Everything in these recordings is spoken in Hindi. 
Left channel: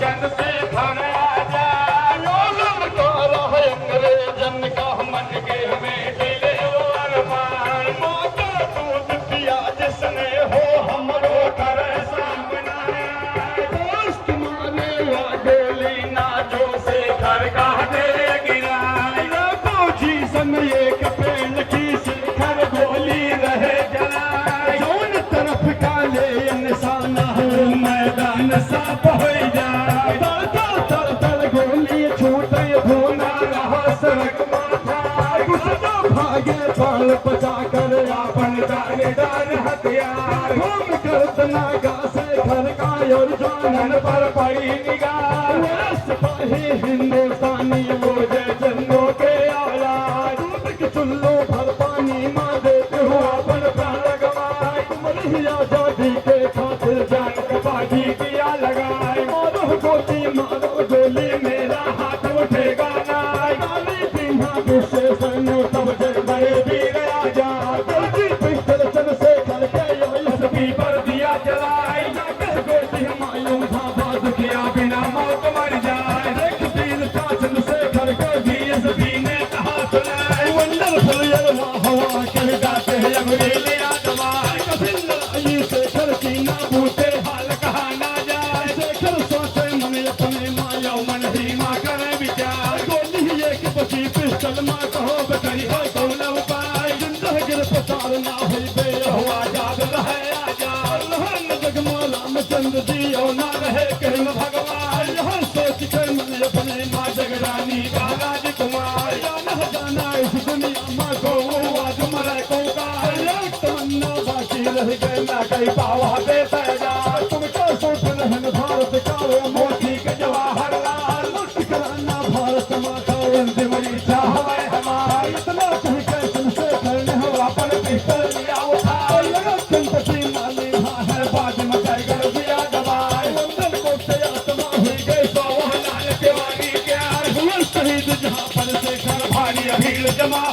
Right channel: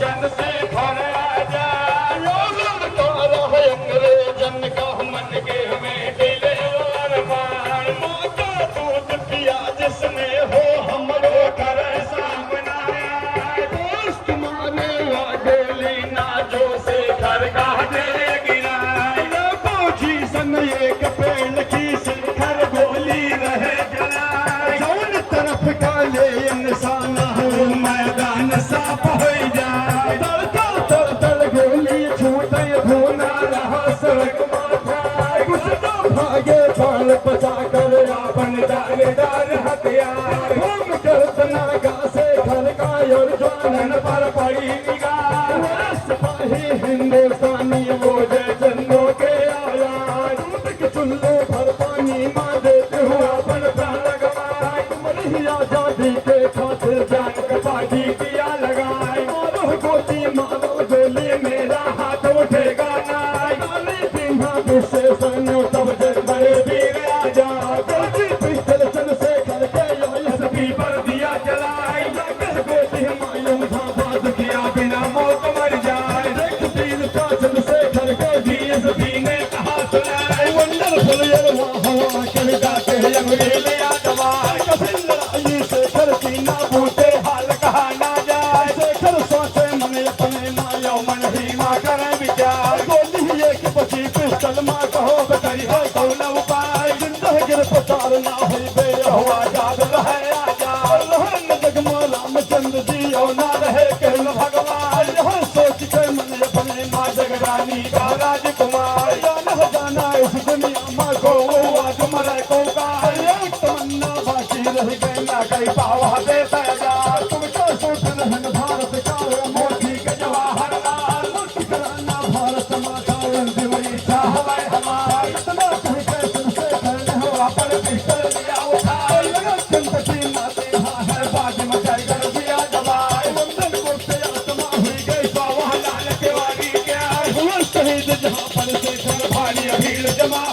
जन से भरा जा अंग्रेजन का मन के हमें दिले अरमान मोटा दूध पिया जिसने हो हमरो करे सामना दोस्त मारे वादे लीना जो से घर का मेरे गिराए बोझी सन एक पेड़ की शिखर बोली रहे जलाए कौन तरफ का ले इंसाना हो मैदान साफ हो जाए दर गोली छूटे भूला रहा सड़क कुछ तो भागे बाल बचा कर अपन दानेदार हथियार घूम कर तनागा से घर का और जानन पर पड़ी निगाह सिपाही हिंदुस्तानी बोझे जन्नों के आयार चुल्लो भर पानी मार देते हो अपन प्राण गवाए तुम्हारी आजादी के खातिर जान के बाजी दिया लगाए मारो गोली मारो गोली मेरा हाथ उठेगा नाय गाली बिना गुस्से सरनो तब जग बड़े वीर आजा गोली पिस्टल चल से करके एसपी पर दिया जलाए गोली हमायूं था बात किया बिना मौत मर जाए देख तीन का चल से करके डीएसपी ने कहा सुनाए वंडरफुल हवा कहता है अंग्रेजी दवा कभी लड़ाई से करती ना बूते हाल कहा ना जाए शेखर सोचे मन अपने माया मन ही माँ करे विचार गोली एक पची पिस्टल माँ कहो बकरी है कौन उपाय जिंदा गिरफ्तार ना हो बे हुआ याद रहे आजाद लोहन जगमा रामचंद्र जी और ना रहे कहन भगवान यह सोच के मन अपने माँ जगरानी का राजकुमार जाना इस दुनिया माँ को आज मरे को का तमन्ना बाकी रह गई ना कई पावा दे पैदा तुम क्या सोच रहन भारत का मोदी के जवाहरलाल कराना भारत माता वंदे मरीचा हमें हमारे इतना कह के तुमसे करने हो अपन पिस्टल लिया उठा चिंपति माने है बाद में जाए दिया दबाए वंदन को से आत्मा हुई गई जवाहरलाल के वागी क्या हुआ शहीद जहां पर से कर भारी भीड़ जमा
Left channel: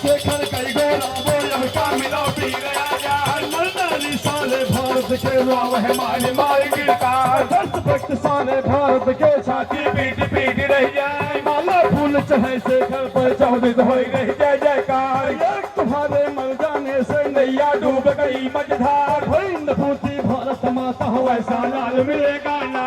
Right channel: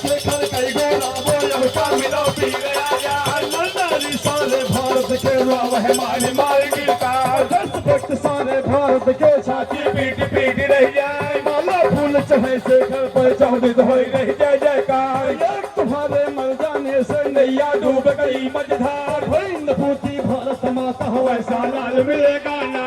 शेखर कई गोरा बोल का मिलो पी गया मरदारी सारे भारत के वह मारे मार गिरता 10 फट सारे भारत के छाती पीट पीट रह जाए माला फूल चढ़े शेखर पर चौधरी हो रह जाए जयकार तुम्हारे मर जाने से नैया डूब गई मझधार भाई नपूती भारत माता वैसा लाल मिलेगा ना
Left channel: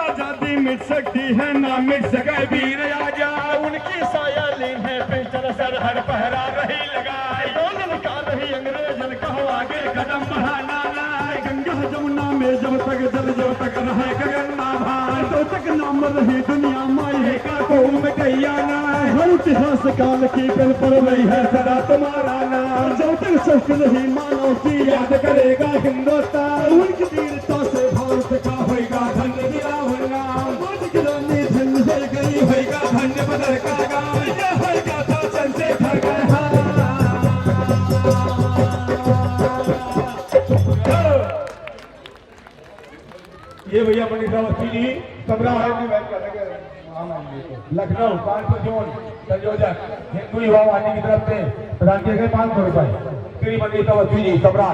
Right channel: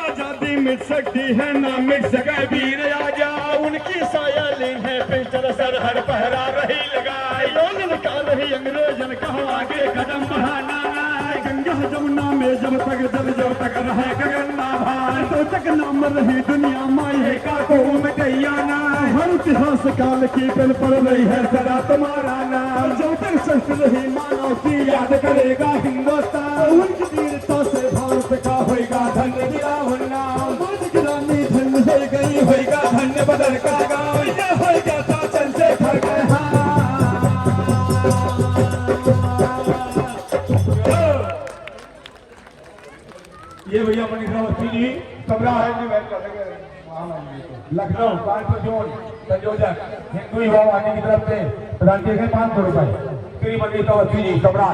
आजादी मिट सकती है ना मिट सके वीर आजा उनकी साया ली है पिस्टल सर हर पहरा रही लगाई लोग निकाल रही अंग्रेजन कहो आगे कदम बढ़ाना गंगा जमुना में जब तक दल जब तक रहे गंगा भाई तब तक नाम रही दुनिया माई का तो में गैया ना हर इतिहास काल की पेन पर रही है सदा तुम्हारा नाम जब तक सच रही मानव की याद करेगा हिंदुस्तान उनकी वीरता से भारत का होगा धन्य विरावन नाम रानी धन्य हो गई होगा धन्य बदल का गाँव यह होगा था चंद्रशेखर का ये भैया पीली सबरा लखनऊ कानपुर जोन संयोजक हिंदू युवा वाहिनी की तरफ से प्रदान किए गए 500 रुपए श्रीमती तवसी जी सबरा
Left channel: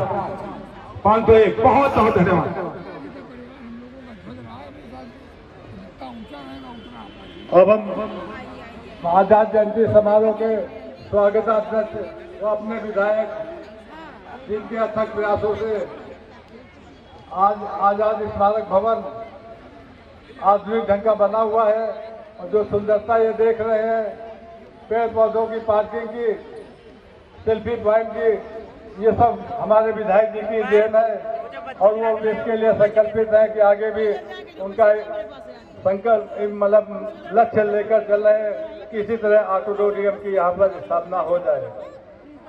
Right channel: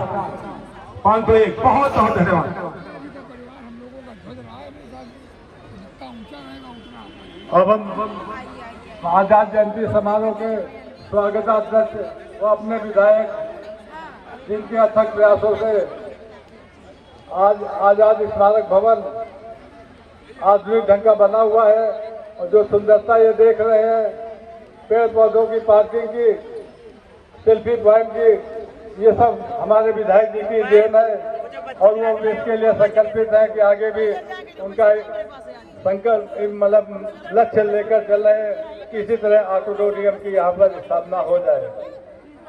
501 बहुत बहुत धन्यवाद। अब हम आजाद जयंती समारोह के स्वागताध्यक्ष व अपने विधायक जिनके अथक प्रयासों से आज आजाद स्मारक भवन आधुनिक ढंग का बना हुआ है और जो सुंदरता ये देख रहे हैं पेड़ पौधों की पार्किंग की सेल्फी पॉइंट की ये सब हमारे विधायक जी की देन है और वो इसके लिए संकल्पित है कि आगे भी उनका संकल्प मतलब लक्ष्य लेकर चल रहे हैं कि इसी तरह ऑडिटोरियम की यहाँ पर स्थापना हो जाए।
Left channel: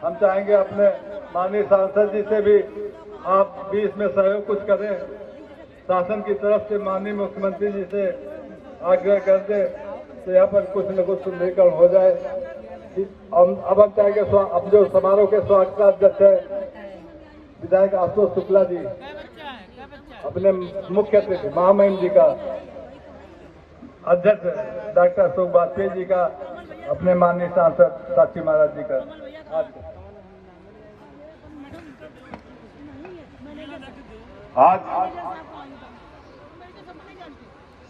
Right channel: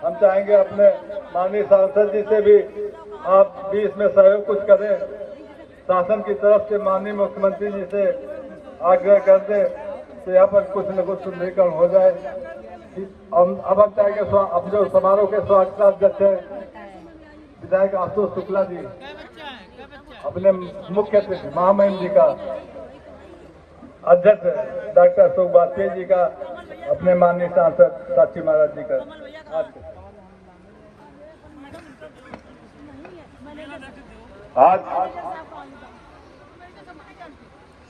हम चाहेंगे अपने माननीय सांसद जी से भी आप भी इसमें सहयोग कुछ करें, शासन की तरफ से माननीय मुख्यमंत्री जी से आग्रह कर दें तो यहाँ पर कुछ न कुछ सुंदरीकरण हो जाए। अब हम चाहेंगे अब जो समारोह के स्वागताध्यक्ष है विधायक आशुतोष शुक्ला जी अपने मुख्य अतिथि महामहिम जी का अध्यक्ष डॉक्टर अशोक वाजपेयी जी का अपने माननीय सांसद साक्षी महाराज जी का आज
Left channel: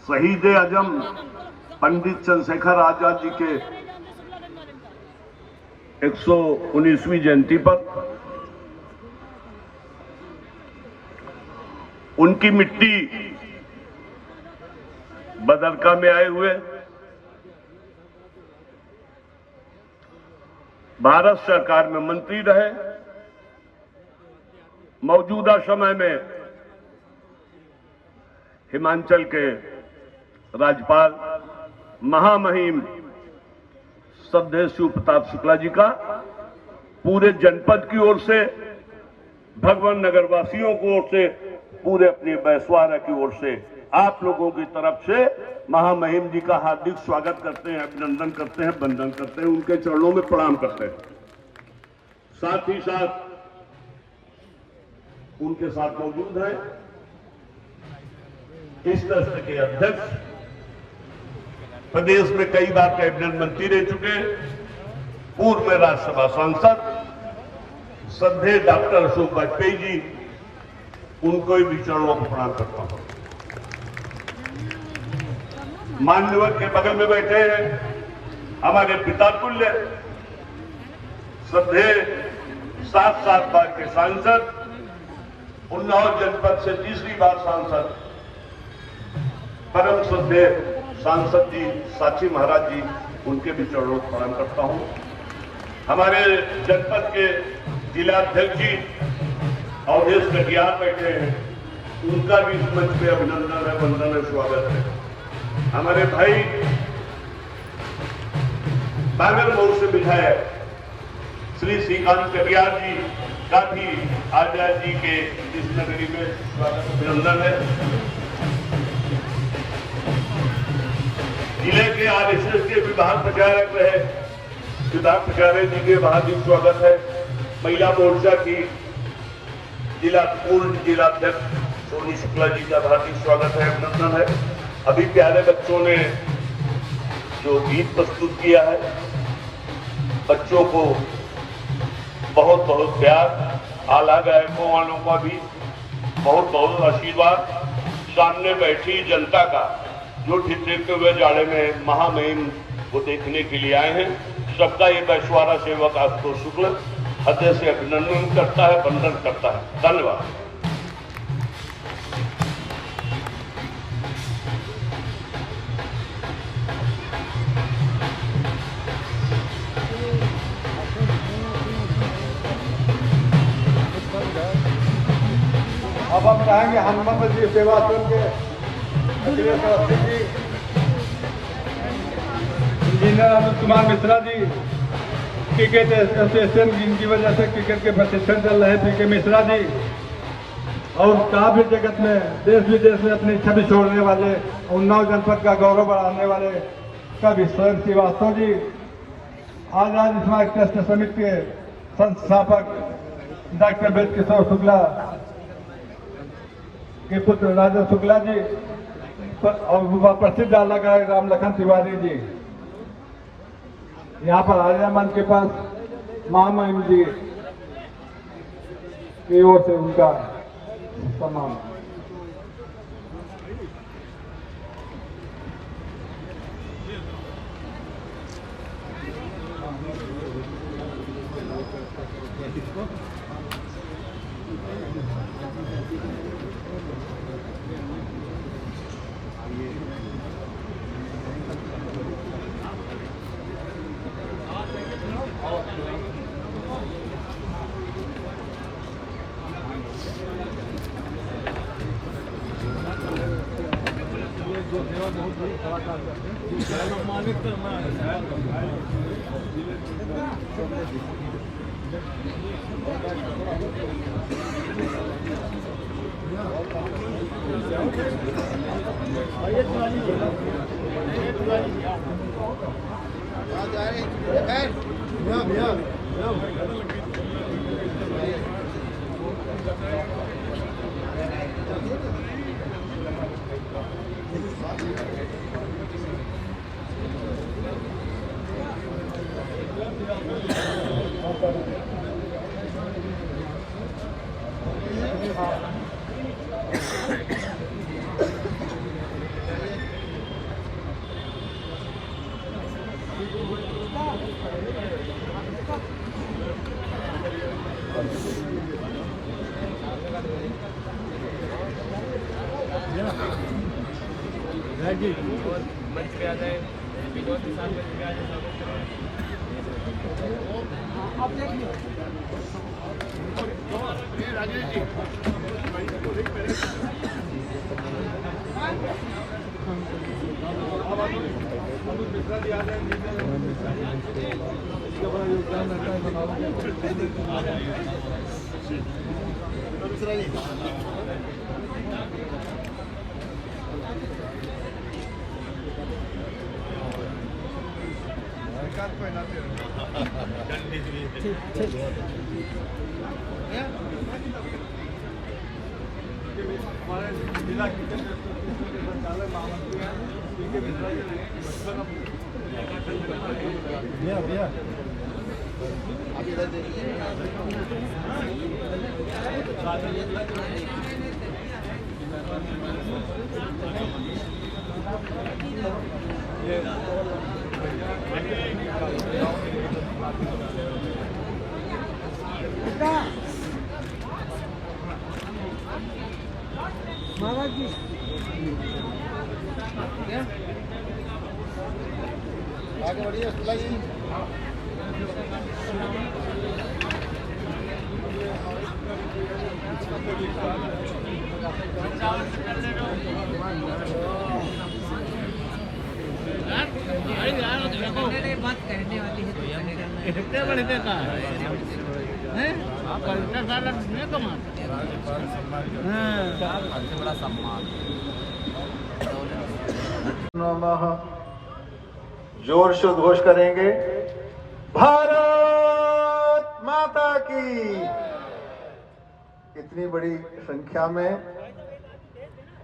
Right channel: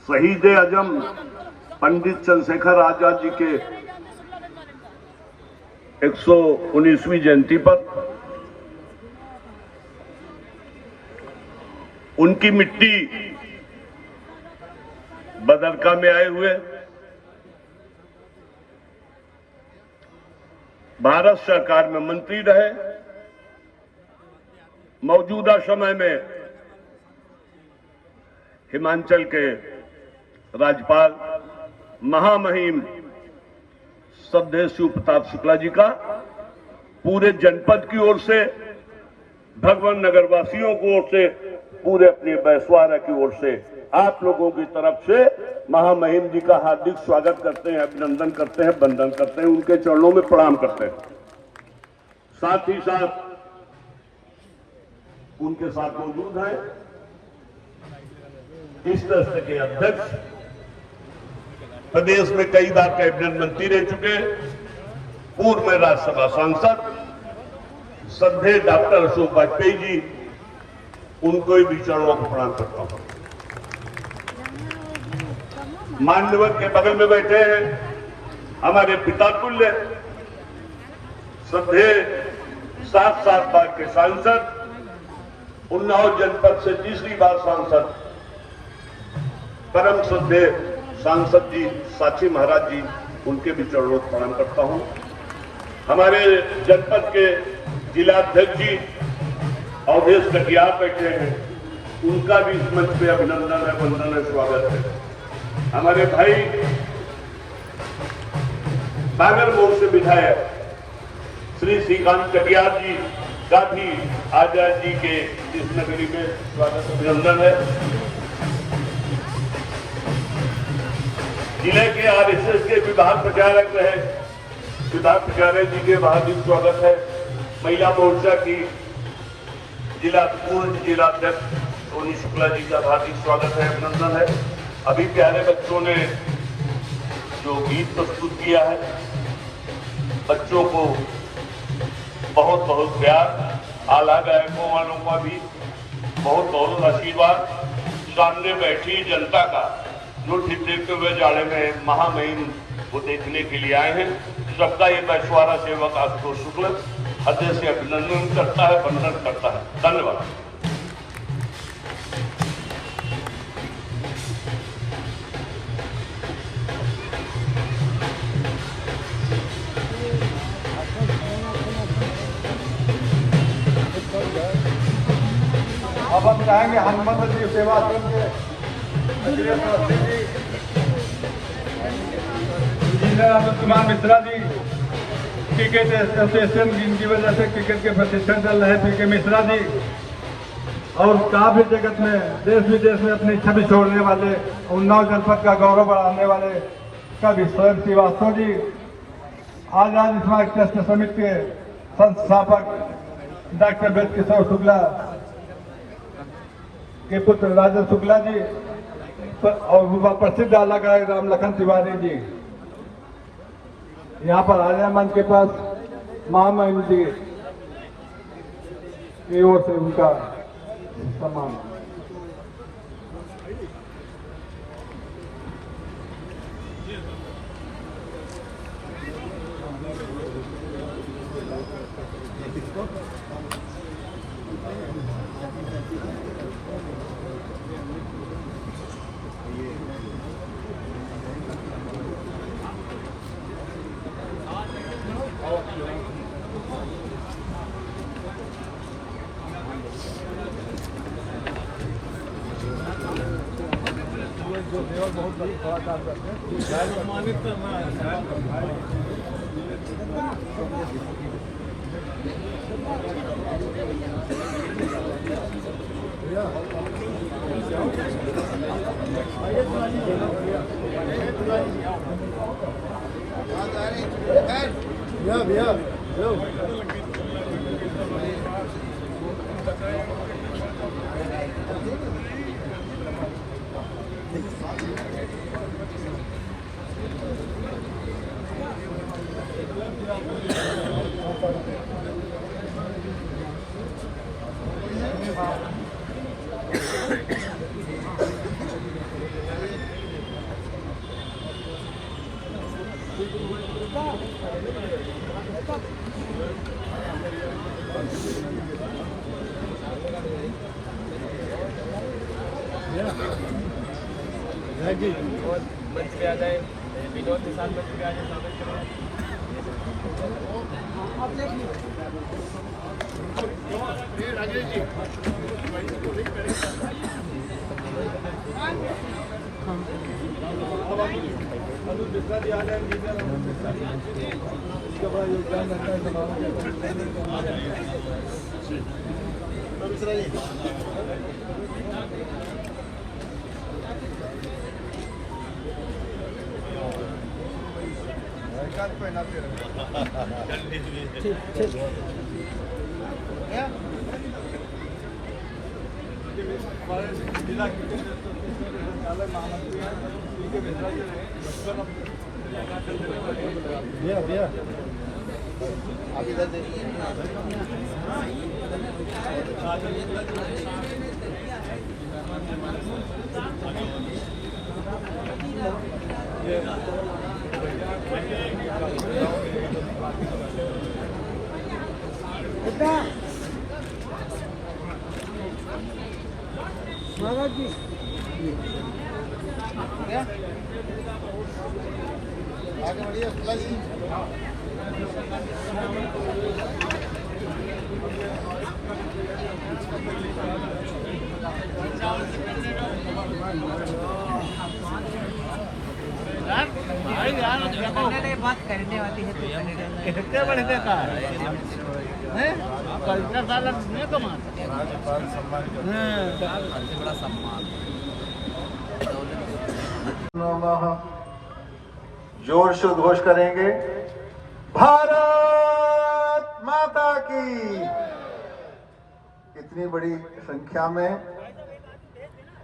शहीद आजम पंडित चंद्रशेखर आजाद जी के 119वीं जयंती पर उनकी मिट्टी बदरका में आए हुए भारत सरकार में मंत्री रहे, मौजूदा समय में हिमाचल के राज्यपाल महामहिम श्रद्धेय शिव प्रताप शुक्ला जी का पूरे जनपद की ओर से, भगवान नगर वासियों की ओर से, पूरे अपने बैसवारा की ओर से आप लोगों की तरफ से महामहिम जी का हार्दिक स्वागत करते हैं, अभिनंदन करते हैं, वंदन करते हैं, उनके चरणों में प्रणाम करते हैं। साथ ही साथ उनके साथ मौजूद हैं इस ट्रस्ट के अध्यक्ष, प्रदेश में कई बार कैबिनेट मंत्री रह चुके, पूर्व में राज्यसभा सांसद श्रद्धेय डॉक्टर अशोक वाजपेयी जी, उनको भी चरणों को प्रणाम करता हूं। मान्यवर के बगल में बैठे हैं हमारे पिता तुल्य श्रद्धेय 7 बार के सांसद, उन्नाव जनपद से तीसरी बार सांसद, परम श्रद्धेय सांसद जी साक्षी महाराज जी, उनके भी चरणों को प्रणाम करता हूं। हमारे जनपद के जिलाध्यक्ष जी अवधेश कटियार बैठे हैं, उनका भी इस मंच पे अभिनंदन है, वंदन है, स्वागत है। हमारे भाई बांगरमोड़ से विधायक श्री श्रीकांत कटियार जी का भी आजाद जी के इस नगरी में स्वागत अभिनंदन है। जिले के आरएसएस के विभाग प्रचारक रहे सिद्धार्थ प्रचारे जी के हार्दिक स्वागत है। महिला मोर्चा की पूर्ण जिलाध्यक्ष सोनी शुक्ला जी का हार्दिक स्वागत है, अभिनंदन है। अभी प्यारे बच्चों ने जो गीत प्रस्तुत किया है, बच्चों को बहुत बहुत प्यार, आला गायकों वालों का भी बहुत बहुत आशीर्वाद, सामने बैठी जनता का जो ठीक देखते हुए जाने में महामहिम को देखने के लिए आए हैं, सबका ये बैसवारा सेवक आपको शुक्र अध्यक्ष से अभिनंदन करता है, वंदन करता है। धन्यवाद। अब हम रहेंगे हनुमान जी सेवा के engineer Kumar Mishra ji, cricket association जिनकी वजह से क्रिकेट के प्रशिक्षण चल रहे हैं, पीके मिश्रा जी, और काफी जगत में देश विदेश में अपनी छवि छोड़ने वाले, उन्नाव जनपद का गौरव बढ़ाने वाले कवि स्वयं श्रीवास्तव जी, आजाद समाज ट्रस्ट समिति के संस्थापक डॉक्टर वेद किशोर शुक्ला के पुत्र राजा शुक्ला जी, और प्रसिद्ध आला गायक राम लखन तिवारी जी, यहाँ पर आर्या मंच के पास महामहिम जी की ओर से उनका सम्मान। जो सेवा बहुत बड़ा काम करते हैं, सम्मानित करना है। और मंच पे आ जाए, विनोद के साथ मंच पे आ जाए, स्वागत करें। अनुज मिश्रा जी आ जाए, उसका बड़ा योगदान रहता है समारोह के मिश्रा जी। पहनाते हमारे जिला किचन संचालक महामंत्री हैं, उनके मिश्रा जी बचपन आप इधर देखिए। बात करने वाली है कितने बड़े का है पलटा साला नहीं कमाता। जोर से उद्घोष करेंगे, भारत माता की। इतनी बड़ी संख्या में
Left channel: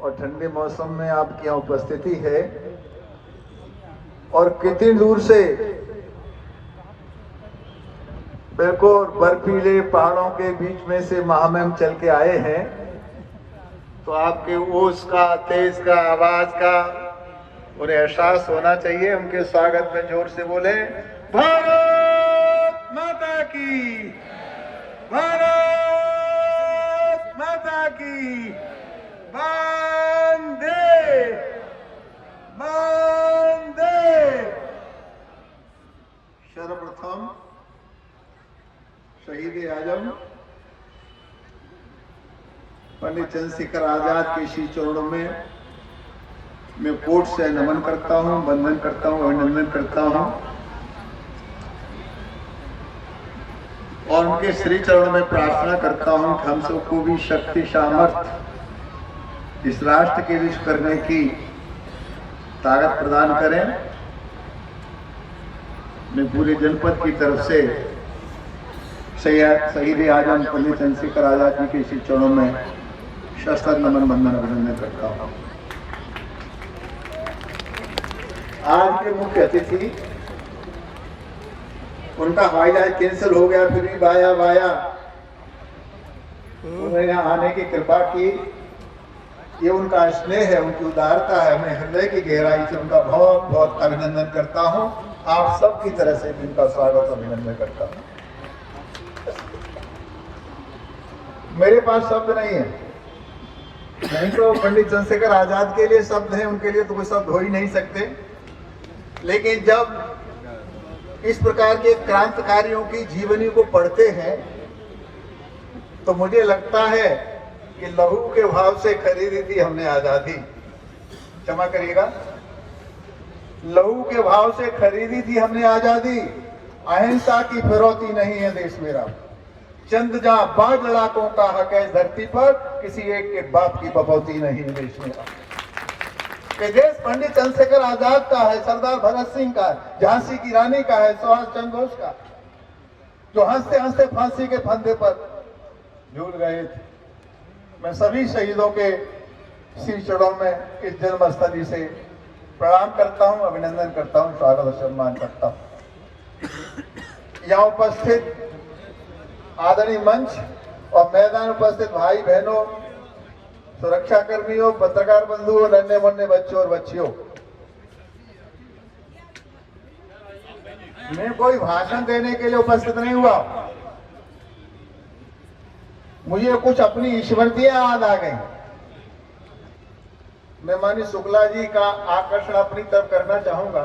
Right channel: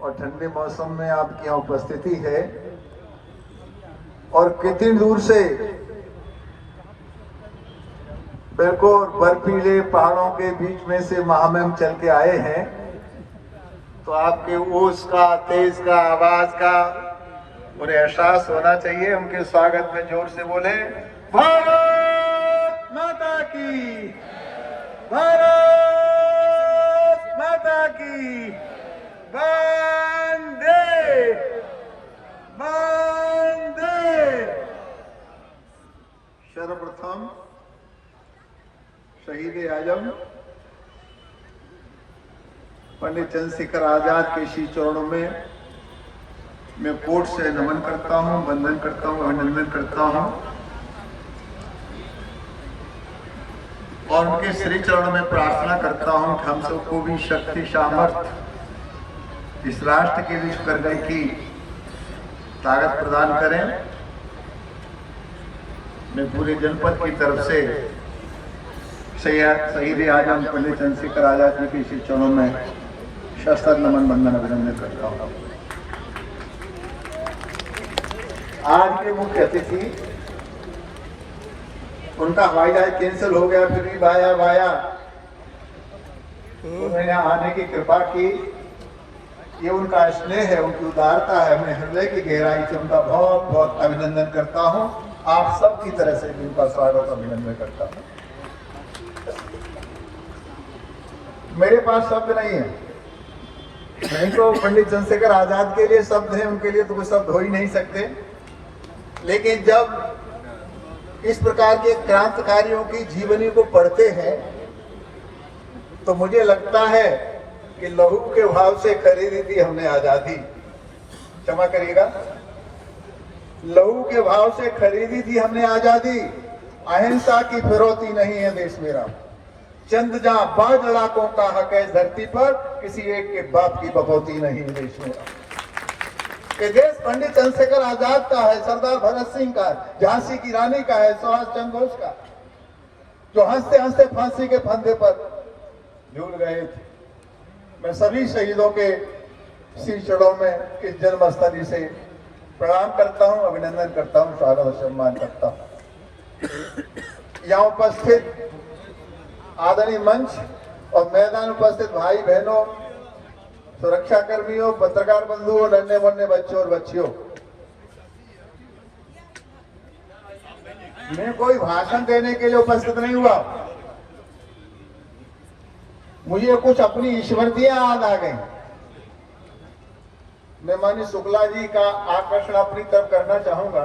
और ठंडे मौसम में आपकी यहाँ उपस्थिति है और कितनी दूर से बिल्कुल बर्फीले पहाड़ों के बीच में से महामहिम चल के आए हैं, तो आपके ओस का, तेज का, आवाज का उन्हें एहसास होना चाहिए। उनके स्वागत में जोर से बोले, भारत माता की, भारत माता की, वंदे वंदे। सर्वप्रथम शहीद आजम पंडित चंद्रशेखर आजाद के श्री चरणों में मैं कोट से नमन करता हूं, वंदन करता हूं, अभिनंदन करता हूं और उनके श्री चरणों में प्रार्थना करता हूं कि हम सबको भी शक्ति सामर्थ्य इस राष्ट्र के लिए करने की ताकत प्रदान करें। मैं पूरे जनपद की तरफ से शहीद आजम पंडित चंद्रशेखर आजाद जी के श्री चरणों में शस्त्र नमन वंदन अभिनंदन करता हूं। आज के मुख्य अतिथि, उनका हवाई जहाज कैंसिल हो गया, फिर भी वाया उन्होंने आने की कृपा की। ये उनका स्नेह है, उनकी उदारता है। मैं हृदय की गहराई से उनका बहुत बहुत अभिनंदन करता हूं। आप सब की तरह से उनका स्वागत अभिनंदन करता हूं। मेरे पास शब्द नहीं है, नहीं तो पंडित चंद्रशेखर आजाद के लिए शब्द है, उनके लिए तो कोई शब्द हो ही नहीं सकते। लेकिन जब इस प्रकार के क्रांतिकारियों की जीवनी को पढ़ते हैं तो मुझे लगता है कि लहू के भाव से खरीदी थी हमने आजादी। क्षमा करिएगा, लहू के भाव से खरीदी थी हमने आजादी। अहिंसा की फिरौती नहीं है देश मेरा। चंद जहां बाढ़ लड़ाकों का हक है धरती पर, किसी एक के बाप की बपौती नहीं है देश मेरा। ये देश पंडित चंद्रशेखर आजाद का है, सरदार भगत सिंह का है, झांसी की रानी का है, सुभाष चंद्र बोस का, जो हंसते हंसते फांसी के फंदे पर झूल गए थे। मैं सभी शहीदों के श्री चरणों में इस जन्मस्थली से प्रणाम करता हूं, अभिनंदन करता हूं, स्वागत और सम्मान करता हूं। यहाँ उपस्थित आदरणीय मंच और मैदान उपस्थित भाई बहनों, सुरक्षा कर्मियों, पत्रकार बंधुओं, नन्हे मुन्ने बच्चों और बच्चियों, मैं कोई भाषण देने के लिए उपस्थित नहीं हुआ। मुझे कुछ अपनी स्मृतियां याद आ गई। मैं माननीय शुक्ला जी का आकर्षण अपनी तरफ करना चाहूंगा।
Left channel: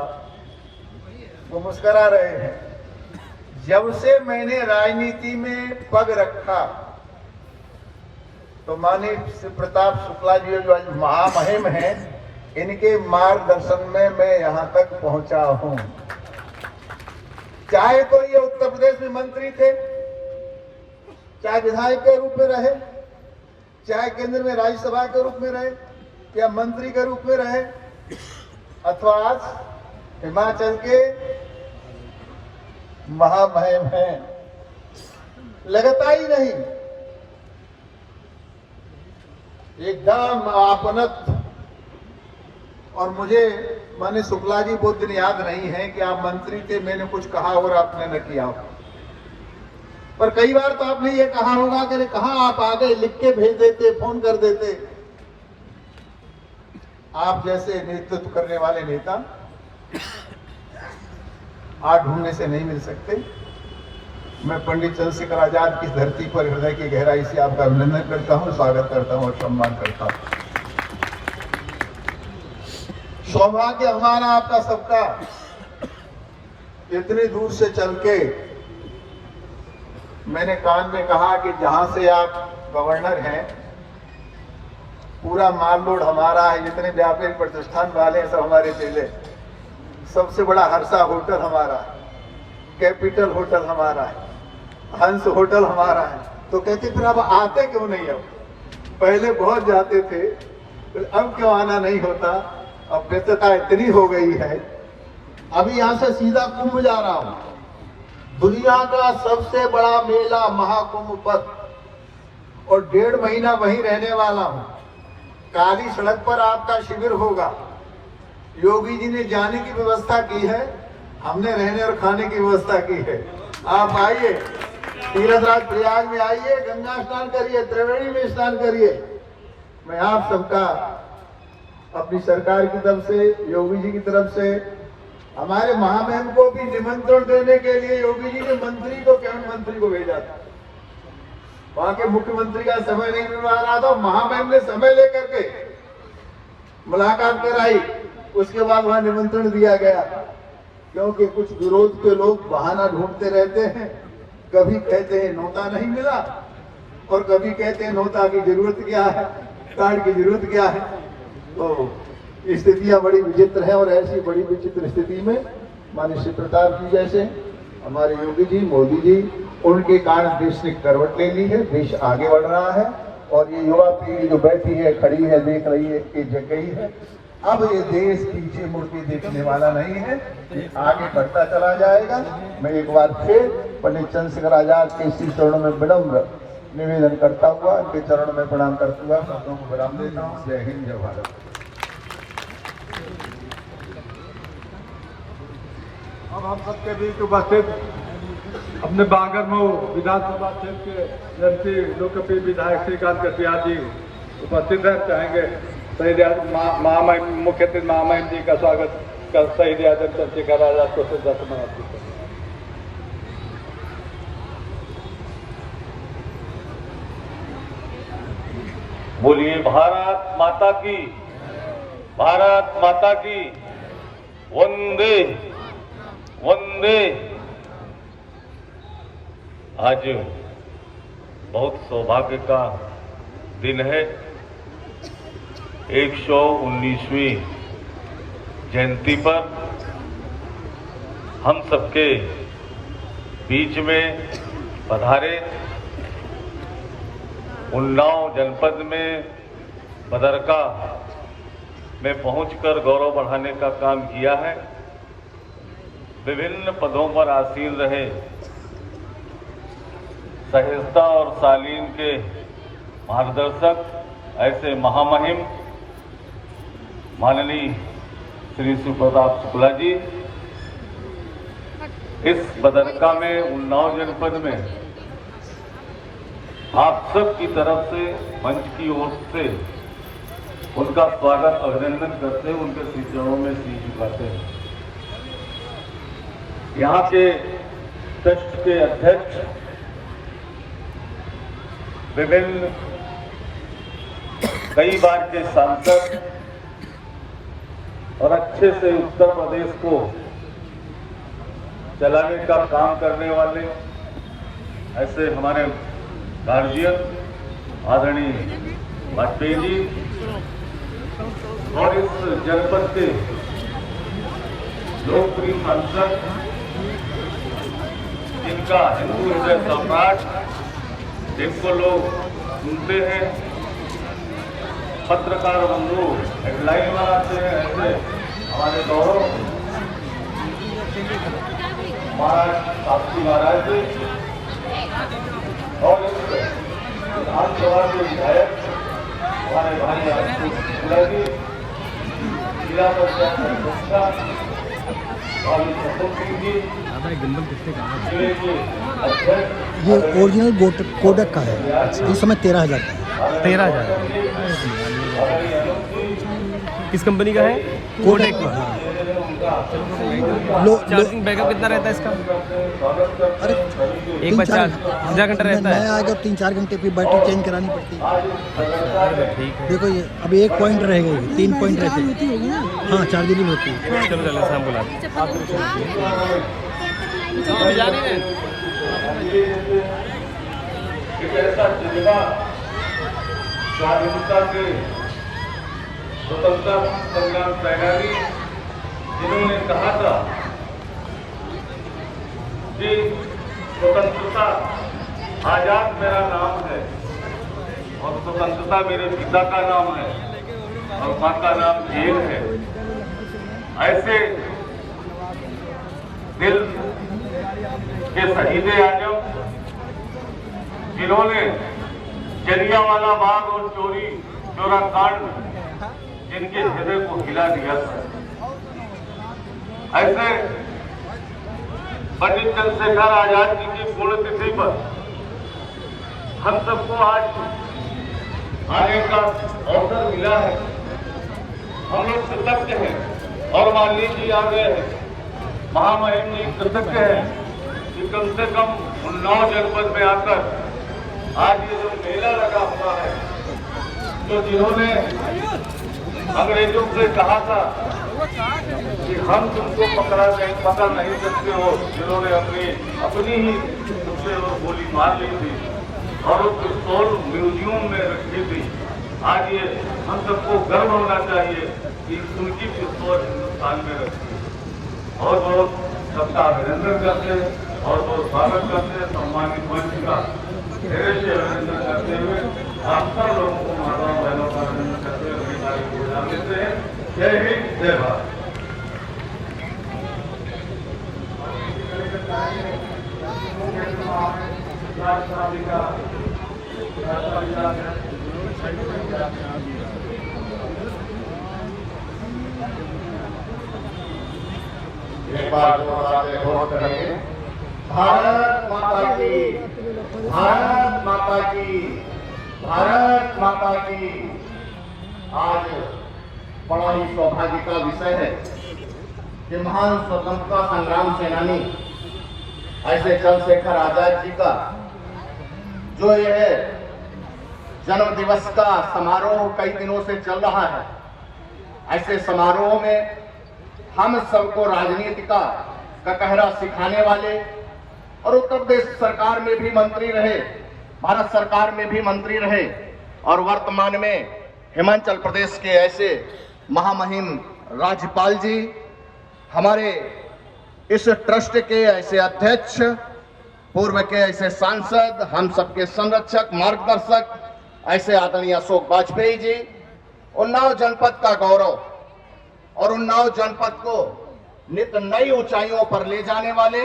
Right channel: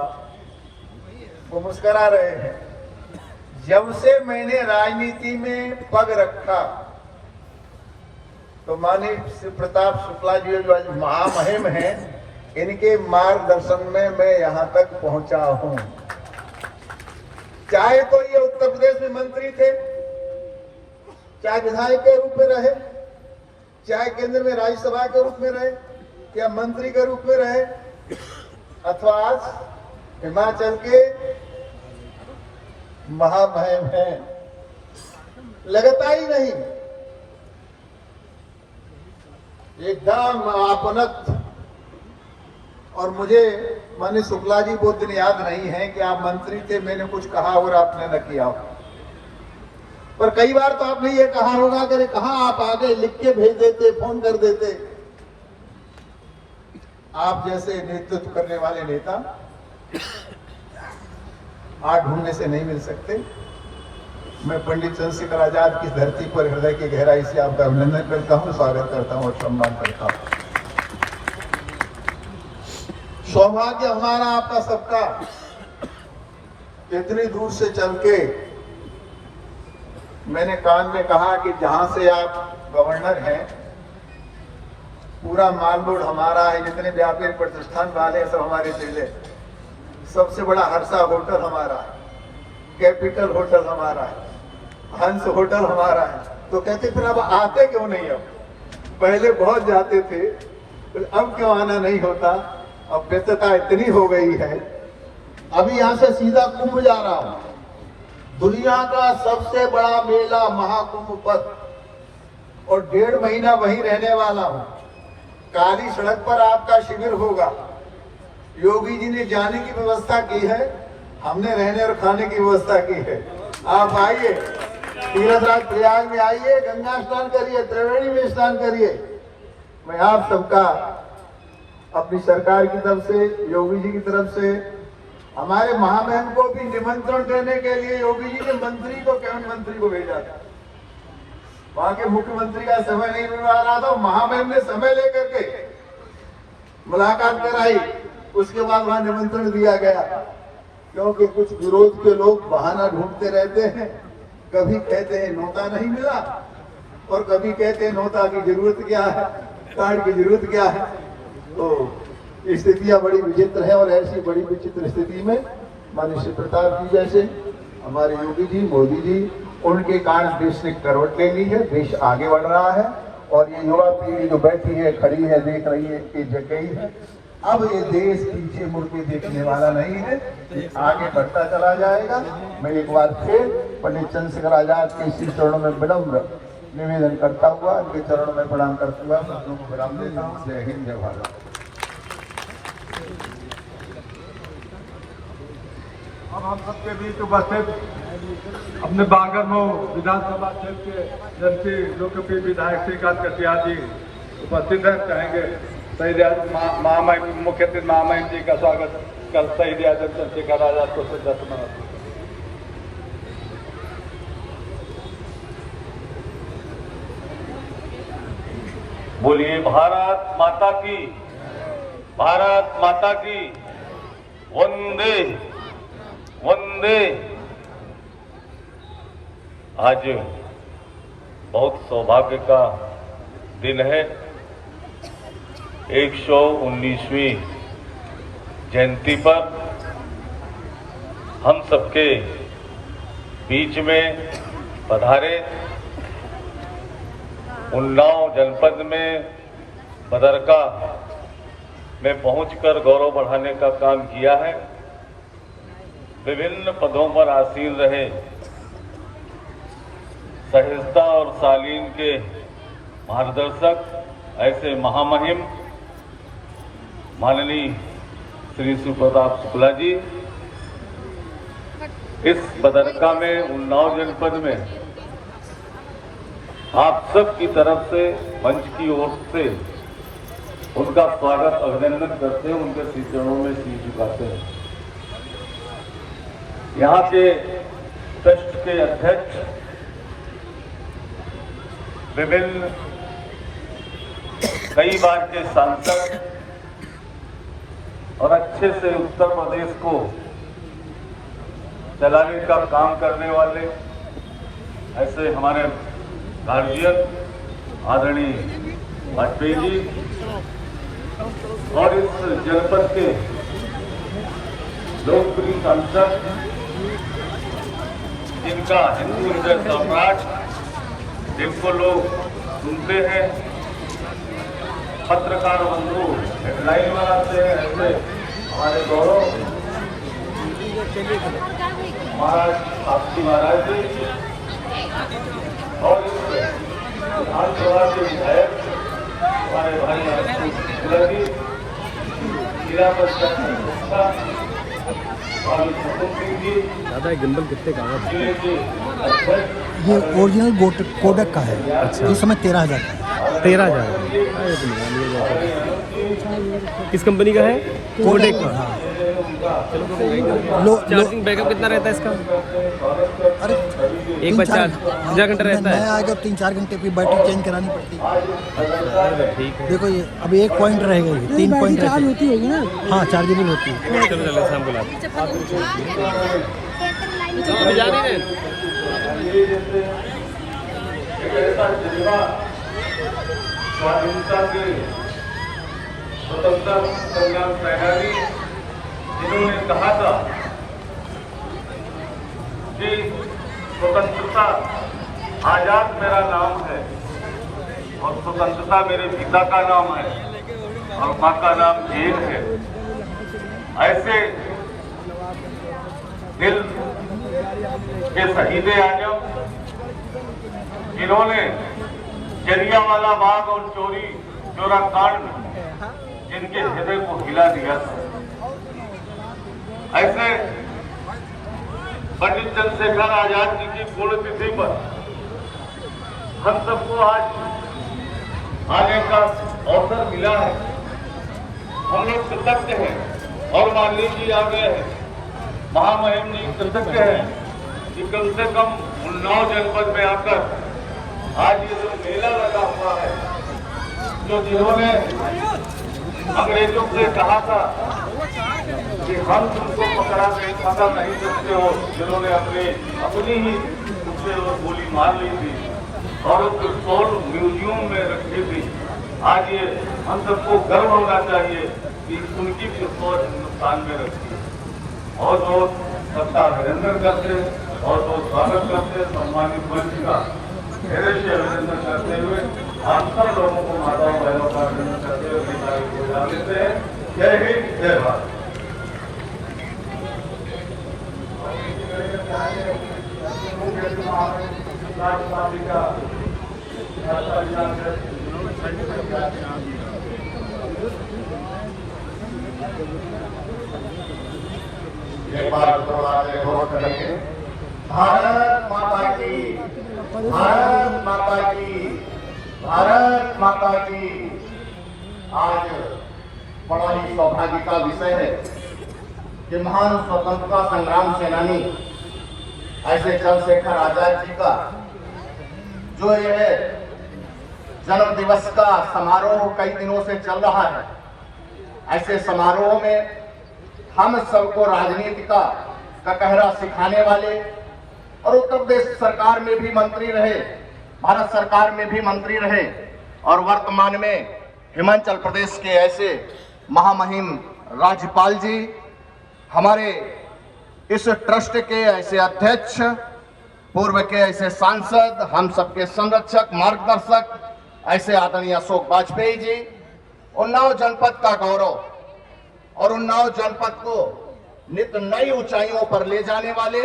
वो मुस्करा रहे हैं। जब से मैंने राजनीति में पग रखा तो माननीय श्री प्रताप शुक्ला जी जो आज महामहिम हैं, इनके मार्गदर्शन में मैं यहां तक पहुंचा हूं। चाहे तो ये उत्तर प्रदेश में मंत्री थे, चाहे विधायक के रूप में रहे, चाहे केंद्र में राज्यसभा के रूप में रहे या मंत्री के रूप में रहे, अथवा आज हिमाचल के महामहिम हैं, लगता ही नहीं एकदम आपनत। और मुझे माननीय शुक्ला जी बहुत दिन याद नहीं है कि आप मंत्री थे, मैंने कुछ कहा और आपने न किया, पर कई बार तो आपने ये कहा होगा कि कहाँ आप आगे लिख के भेज देते, फोन कर देते। आप जैसे नेतृत्व करने वाले नेता आज ढूंढने से नहीं मिल सकते। मैं पंडित चंद्रशेखर आजाद की धरती पर हृदय की गहराई से आपका अभिनंदन करता हूं, स्वागत करता हूं और सम्मान करता हूं। सौभाग्य हमारा आपका सबका इतनी दूर से चल के, मैंने कान में कहा कि जहां से आप गवर्नर हैं पूरा माल लोड हमारा है, जितने व्यापारिक प्रतिष्ठान वाले हैं सब हमारे चेले, सबसे बड़ा हर्षा होटल हमारा है, कैपिटल होटल हमारा है, हंस होटल हमारा है। तो कहते फिर अब आते क्यों नहीं? अब पहले बहुत जाते थे, फिर अब क्यों आना नहीं होता? अब व्यस्तता इतनी हो गई है। अभी यहां से सीधा कुंभ जा रहा हूं, दुनिया का सबसे बड़ा मेला महाकुंभ पर, और 1.5 महीना वहीं रहने वाला हूं। काली सड़क पर आपका शिविर होगा। योगी जी ने जाने की व्यवस्था की है, हमने रहने और खाने की व्यवस्था की है। आप आइए, तीर्थराज प्रयाग में आइए, गंगा स्नान करिए, त्रिवेणी में स्नान करिए। मैं आप सबका अपनी सरकार की तरफ से, योगी जी की तरफ से, हमारे महामहिम को भी निमंत्रण देने के लिए योगी जी ने मंत्री को, कैबिनेट मंत्री को भेजा था। वहां के मुख्यमंत्री का समय नहीं मिल रहा था, महामहिम ने समय लेकर के मुलाकात कराई, उसके बाद वहां निमंत्रण दिया गया। क्योंकि कुछ विरोध के लोग बहाना ढूंढते रहते हैं, कभी कहते हैं नोटा नहीं मिला और कभी कहते हैं नोटा की जरूरत क्या है, कार्ड की जरूरत क्या है। तो स्थितियां बड़ी विचित्र है, और ऐसी बड़ी विचित्र स्थिति में माननीय श्री प्रताप जी जैसे हमारे योगी जी, मोदी जी, उनके कारण देश ने करवट ले ली है, देश आगे बढ़ रहा है। और ये युवा पीढ़ी जो बैठी है, खड़ी है, देख रही है कि जगही है, अब ये देश पीछे मुड़ के देखने वाला नहीं है, ये आगे बढ़ता चला जाएगा। मैं एक बार फिर पंडित चंद्रशेखर आजाद के इसी चरणों में विनम्र निवेदन करता हुआ, उनके चरणों में प्रणाम करता हुआ सबको प्रणाम देता हूं। जय हिंद, जय भारत। हम सबके बीच उपस्थित अपने बागरमऊ विधानसभा क्षेत्र के लोकप्रिय विधायक श्रीकांत कटियार जी उपस्थित हैं। चाहेंगे शहीद महामहिम मुख्य अतिथि महामहिम जी का स्वागत कर शहीद चंद्रशेखर आजाद को श्रद्धांजलि। बोलिए भारत माता की, भारत माता की, वंदे वंदे। आज बहुत सौभाग्य का दिन है। 119वीं जयंती पर हम सबके बीच में पधारे। उन्नाव जनपद में बदरका में पहुंचकर गौरव बढ़ाने का काम किया है। विभिन्न पदों पर आसीन रहे सहिष्णुता और शालीन के मार्गदर्शक ऐसे महामहिम माननीय श्री प्रताप शुक्ला जी इस बदरका में उन्नाव जनपद में आप सब की तरफ से मंच की ओर से उनका स्वागत अभिनंदन करते हैं, उनके श्री चरणों में सिर झुकाते हैं। यहाँ के ट्रस्ट के अध्यक्ष, विभिन्न कई बार के सांसद, और अच्छे से उत्तर प्रदेश को चलाने का काम करने वाले ऐसे हमारे गार्जियन आदरणीय वाजपेयी जी और इस जनपद के लोकप्रिय सांसद जिनका हिंदू हृदय सम्राट जिनको लोग सुनते हैं, पत्रकार बंधु हेडलाइन बनाते हैं, ऐसे हमारे गौरव आपकी महाराज जी और विधानसभा के विधायक हमारे भाई आपकी जिला पंचायत गिम्बल कितने का है? जिले के अध्यक्ष ये ओरिजिनल कोडेक का है। इस समय 13,000 किस कंपनी का है? कोडेक का। चार्जिंग बैकअप कितना रहता है इसका? अरे एक बार 4 घंटा रहता है। नया आएगा 3-4 घंटे की बैटरी चेंज करानी पड़ती है। ठीक है। देखो ये अभी 1 पॉइंट रहेगा, ये 3 पॉइंट रहते हैं। हाँ चार्जेबल होती है। शाम को स्वाधीनता के स्वतंत्रता संग्राम सेनानी जिन्होंने कहा था कि स्वतंत्रता आजाद मेरा नाम है और स्वतंत्रता मेरे पिता का नाम है और मां का नाम जेल है। ऐसे दिल के शहीद आजम जिन्होंने जलियांवाला बाग और चोरा कांड जिनके हृदय को हिला दिया था, ऐसे पंडित चंद्रशेखर आजाद जी की पुण्यतिथि पर हम सबको आज आने का अवसर मिला है। हम लोग कृतज्ञ हैं और माननीय जी आ गए हैं। महामहिम जी कृतज्ञ है कि कम से कम उन्नाव जनपद में आकर आज ये जो मेला लगा हुआ है, तो जिन्होंने अंग्रेजों से कहा था कि हम तुमको पकड़ नहीं सकते हो, जिन्होंने अपनी ही उससे गोली मार ली थी और उस पिस्तौल म्यूजियम में रखी थी। आज ये हम सबको गर्व होना चाहिए कि उनकी पिस्तौल हिंदुस्तान में रखी है। बहुत बहुत सबका अभिनंदन करते और बहुत स्वागत करते हैं। सम्मानित मंच का धैर्य से अभिनंदन करते हुए आप सब लोगों को माता बहनों का अभिनंदन करते हुए अपनी तारीफ को जान देते हैं। जय हिंद, जय भारत। भारत माता की, भारत माता की, भारत माता की। आज बड़ा ही सौभाग्य का विषय है कि महान स्वतंत्रता संग्राम सेनानी ऐसे चंद्रशेखर आजाद जी का जो यह जन्म दिवस का समारोह कई दिनों से चल रहा है, ऐसे समारोह में हम सबको राजनीति का ककहरा सिखाने वाले और उत्तर प्रदेश सरकार में भी मंत्री रहे, भारत सरकार में भी मंत्री रहे और वर्तमान में हिमाचल प्रदेश के ऐसे महामहिम राज्यपाल जी, हमारे इस ट्रस्ट के ऐसे अध्यक्ष, पूर्व के ऐसे सांसद, हम सबके संरक्षक मार्गदर्शक ऐसे आदरणीय अशोक वाजपेयी जी, उन्नाव जनपद का गौरव और उन्नाव जनपद को नित नई ऊंचाइयों पर ले जाने वाले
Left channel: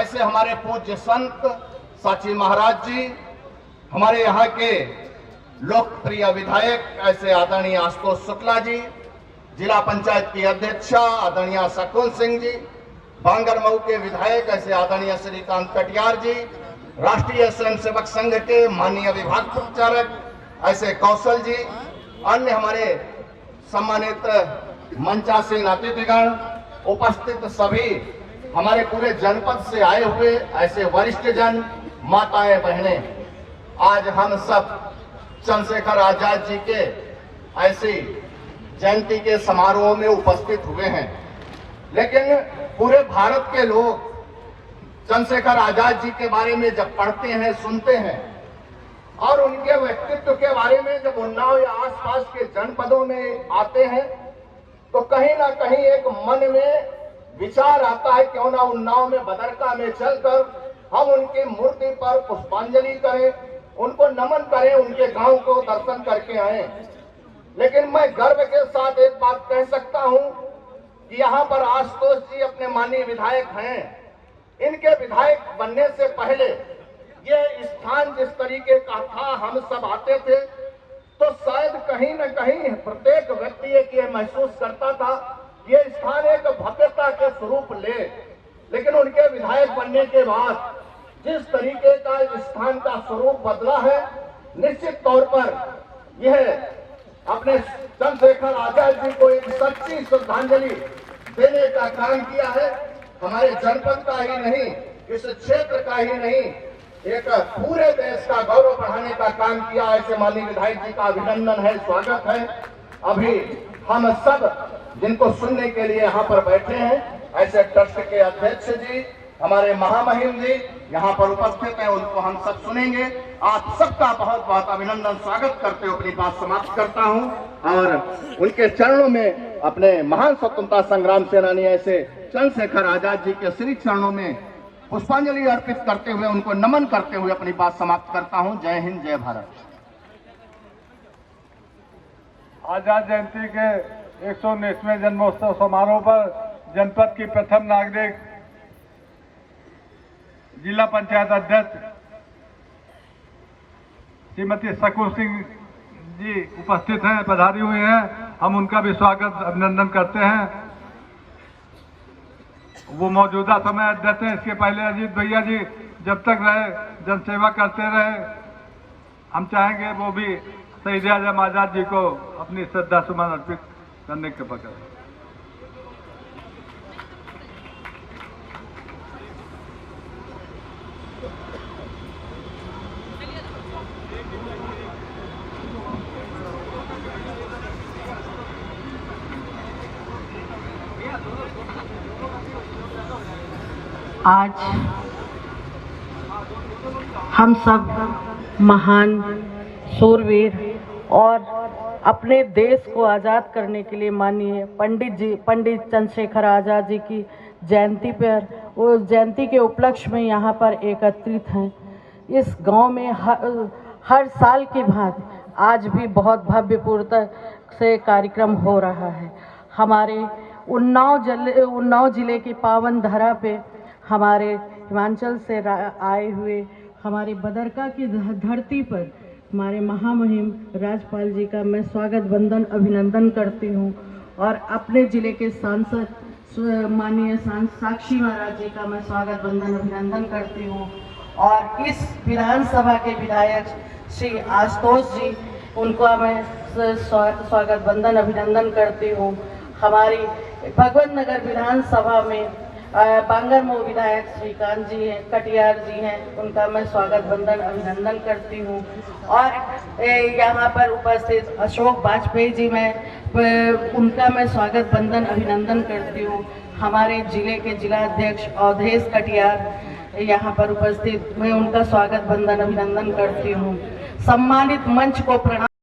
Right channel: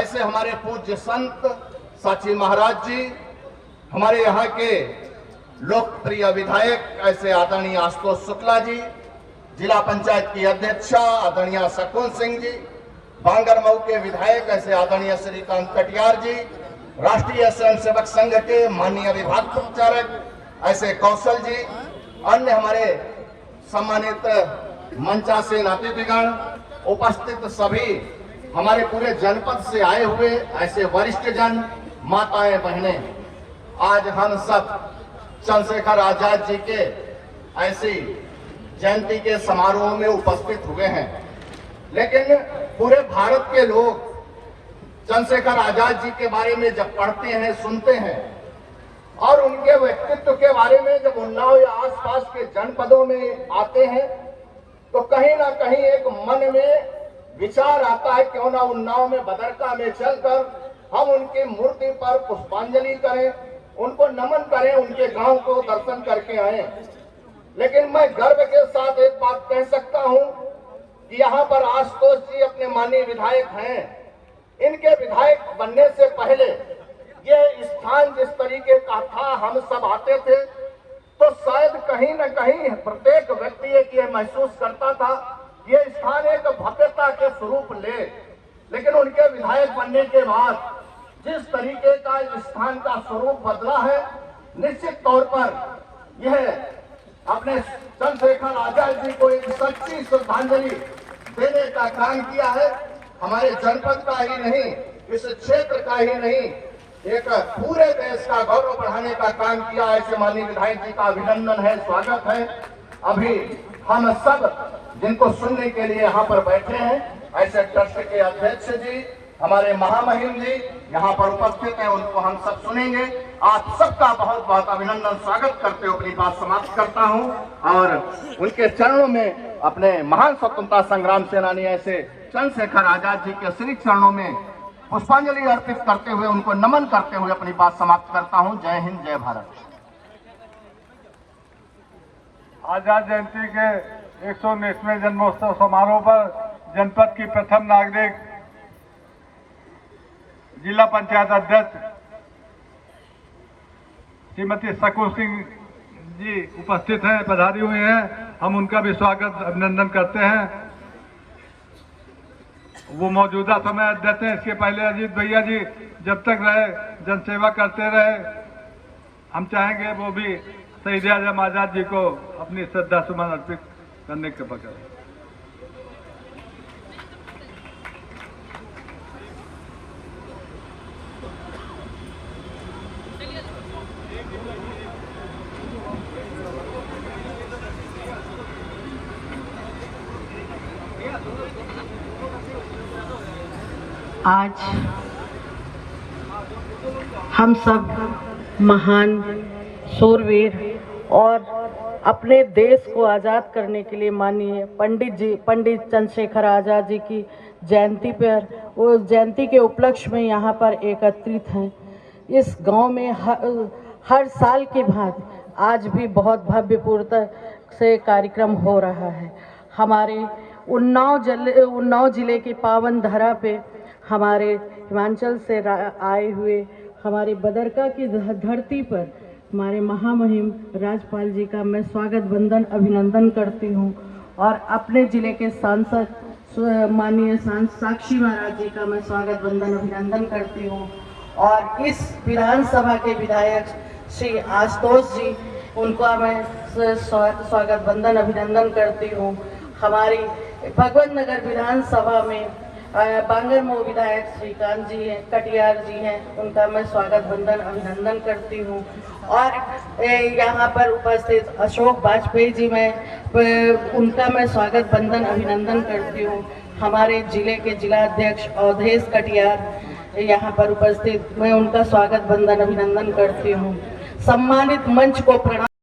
ऐसे हमारे पूज्य संत साची महाराज जी, हमारे यहाँ के लोकप्रिय विधायक ऐसे आदरणीय आशुतोष शुक्ला जी, जिला पंचायत की अध्यक्षा आदरणीय शकुन सिंह जी, बांगरमऊ के विधायक ऐसे आदरणीय श्रीकांत कटियार जी, राष्ट्रीय स्वयंसेवक संघ के माननीय विभाग प्रचारक ऐसे कौशल जी, अन्य हमारे सम्मानित मंचासीन अतिथिगण, उपस्थित सभी हमारे पूरे जनपद से आए हुए ऐसे वरिष्ठ जन, माताएं, बहनें, आज हम सब चंद्रशेखर आजाद जी के ऐसी जयंती के समारोह में उपस्थित हुए हैं, लेकिन पूरे भारत के लोग चंद्रशेखर आजाद जी के बारे में जब पढ़ते हैं, सुनते हैं और उनके व्यक्तित्व के बारे में जब उन्नाव या आसपास के जनपदों में आते हैं, तो कहीं ना कहीं एक मन में विचार आता है, क्यों ना उन्नाव में बदरका में चलकर हम उनकी मूर्ति पर पुष्पांजलि करें, उनको नमन करें, उनके गांव को दर्शन करके आए। लेकिन मैं गर्व के साथ एक बात कह सकता हूं कि यहाँ पर आशुतोष जी अपने माननीय विधायक हैं। इनके विधायक बनने से पहले ये स्थान जिस तरीके का था, हम सब आते थे तो शायद कहीं न कहीं प्रत्येक व्यक्ति ये महसूस करता था ये स्थान एक भव्यता के स्वरूप ले। लेकिन उनके विधायक बनने के बाद जिस तरीके का इस स्थान का स्वरूप बदला है, निश्चित तौर पर यह अपने चंद्रशेखर आजाद जी को एक सच्ची श्रद्धांजलि देने का काम किया है। हमारे जनपद का ही नहीं, इस क्षेत्र का ही नहीं, एक पूरे देश का गौरव बढ़ाने का काम किया। ऐसे माननीय विधायक जी का अभिनंदन है, स्वागत है। अभी हम सब जिनको सुनने के लिए यहाँ पर बैठे हैं, ऐसे ट्रस्ट के अध्यक्ष जी, हमारे महामहिम जी यहाँ पर उपस्थित हैं, उनको हम सब सुनेंगे। आप सबका बहुत बहुत अभिनंदन, स्वागत करते हुए अपनी बात समाप्त करता हूँ और उनके चरणों में अपने महान स्वतंत्रता संग्राम सेनानी ऐसे चंद्रशेखर आजाद जी के श्री चरणों में पुष्पांजलि अर्पित करते हुए, उनको नमन करते हुए अपनी बात समाप्त करता हूँ। जय हिंद, जय भारत। आजाद जयंती के 119वें जन्मोत्सव समारोह पर जनपद की प्रथम नागरिक जिला पंचायत अध्यक्ष श्रीमती सकूर सिंह जी उपस्थित हैं, पधारी हुई हैं। हम उनका भी स्वागत अभिनंदन करते हैं। वो मौजूदा समय देते हैं, इसके पहले अजीत भैया जी जब तक रहे जनसेवा करते रहे। हम चाहेंगे वो भी शहीद आजम आजाद जी को अपनी श्रद्धा सुमन अर्पित करने के बगैर। आज हम सब महान शूरवीर और अपने देश को आज़ाद करने के लिए माननीय पंडित चंद्रशेखर आज़ाद जी की जयंती पर, वो जयंती के उपलक्ष्य में यहाँ पर एकत्रित हैं। इस गांव में हर साल की भांति आज भी बहुत भव्यपूर्वक से कार्यक्रम हो रहा है। हमारे उन्नाव जिले की पावन धरा पे हमारे हिमाचल से आए हुए हमारे बदरका की धरती पर हमारे महामहिम राजपाल जी का मैं स्वागत वंदन अभिनंदन करती हूँ और अपने जिले के सांसद माननीय साक्षी महाराज जी का मैं स्वागत वंदन अभिनंदन करती हूँ और इस विधानसभा के विधायक श्री आशुतोष जी, उनको मैं स्वागत वंदन अभिनंदन करती हूँ। हमारी भगवत नगर विधानसभा में बांगरमऊ विधायक श्रीकांत जी हैं, कटियार जी हैं, उनका मैं स्वागत वंदन अभिनंदन करती हूँ और यहाँ पर उपस्थित अशोक वाजपेयी जी उनका मैं स्वागत वंदन अभिनंदन करती हूँ। हमारे जिले के जिला अध्यक्ष अवधेश कटियार यहाँ पर उपस्थित, मैं उनका स्वागत वंदन अभिनंदन करती हूँ। सम्मानित मंच को प्रणाम।